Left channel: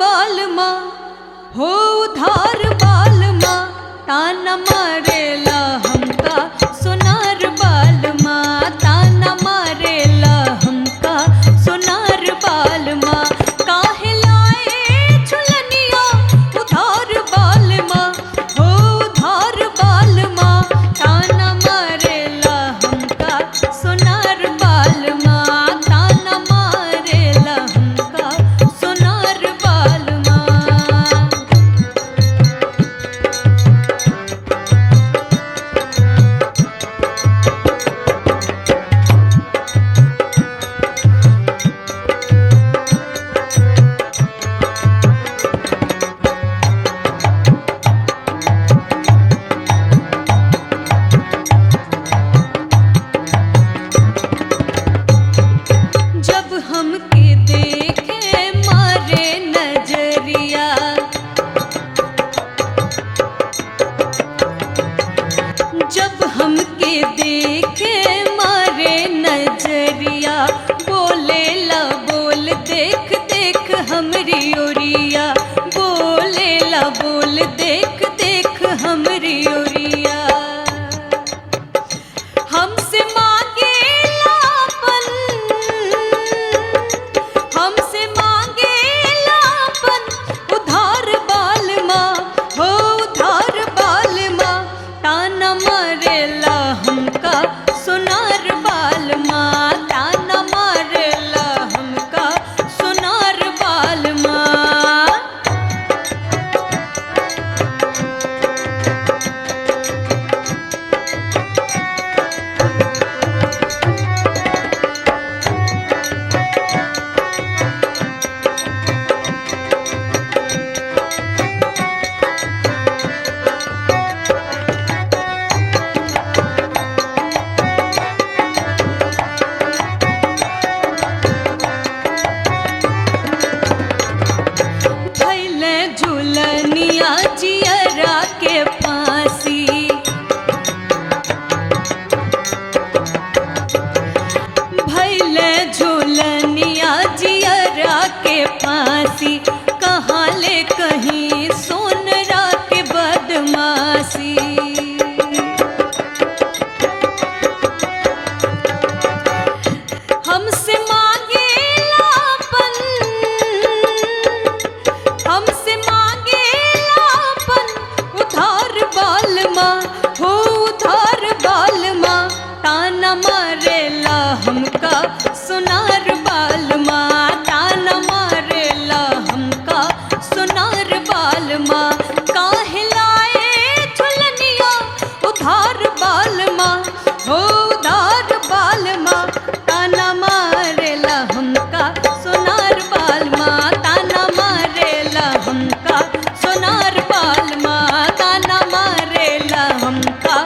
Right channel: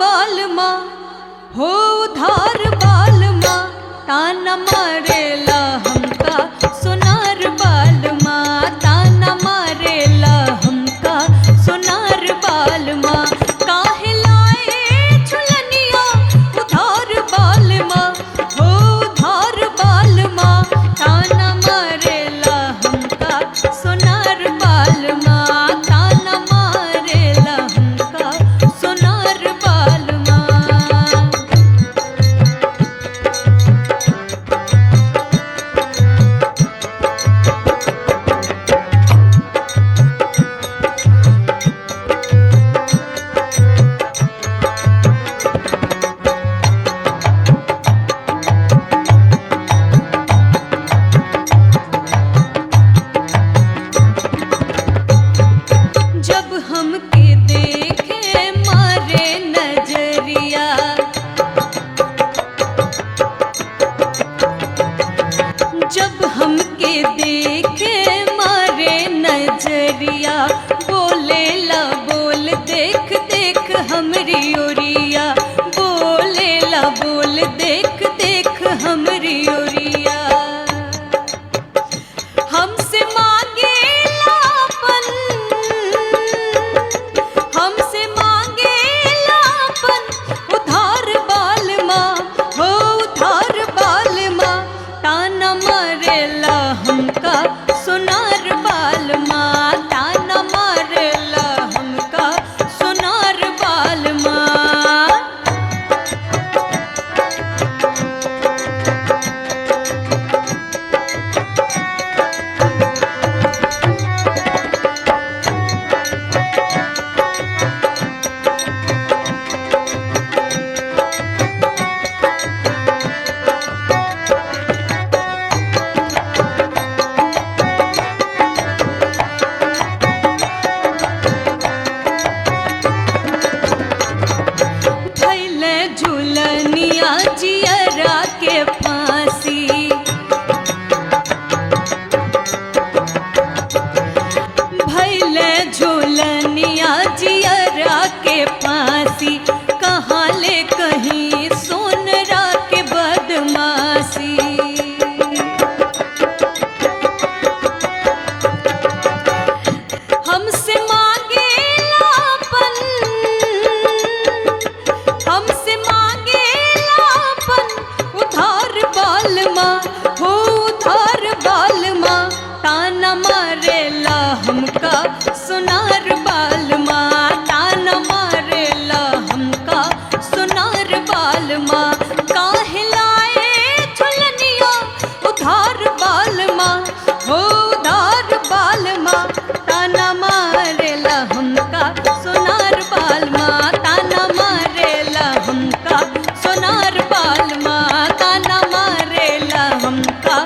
बालमा हो उधार बालमा, ताना मारेला हमका सोनार बालमा, ताना मारेला हमका सोनार बालमा। काहे लाए झुलनिया उधार बालमा हो उधार बालमा, ताना मारेला हमका सोनार बालमा, ताना मारेला हमका सोनार बालमा। जब हमके देखे मारे नजरिया, जब हमके देखे मारे नजरिया, बोले ला बोल देख देख हमरी ओरिया, बोले ला बोल देख देख हमरी ओरिया। हमसे मांगेला अपन, हमसे मांगेला अपन उधार बालमा हो उधार बालमा, ताना मारेला हमका सोनार बालमा, ताना मारेला हमका सोनार बालमा। झुलनिया जियरा के फांसी, भैले झुलनिया जियरा के फांसी, कहाँ ले कहीं सोनरा के बदमाशी। हमसे मांगेला अपन, हमसे मांगेला अपन उधार बालमा हो उधार बालमा, ताना मारेला हमका सोनार बालमा, ताना मारेला हमका सोनार बालमा। काहे लाए झुलनिया उधार बालमा हो उधार बालमा, ताना मारेला हमका सोनार बालमा, ताना मारेला हमका सोनार बालमा, ताना मारेला हमका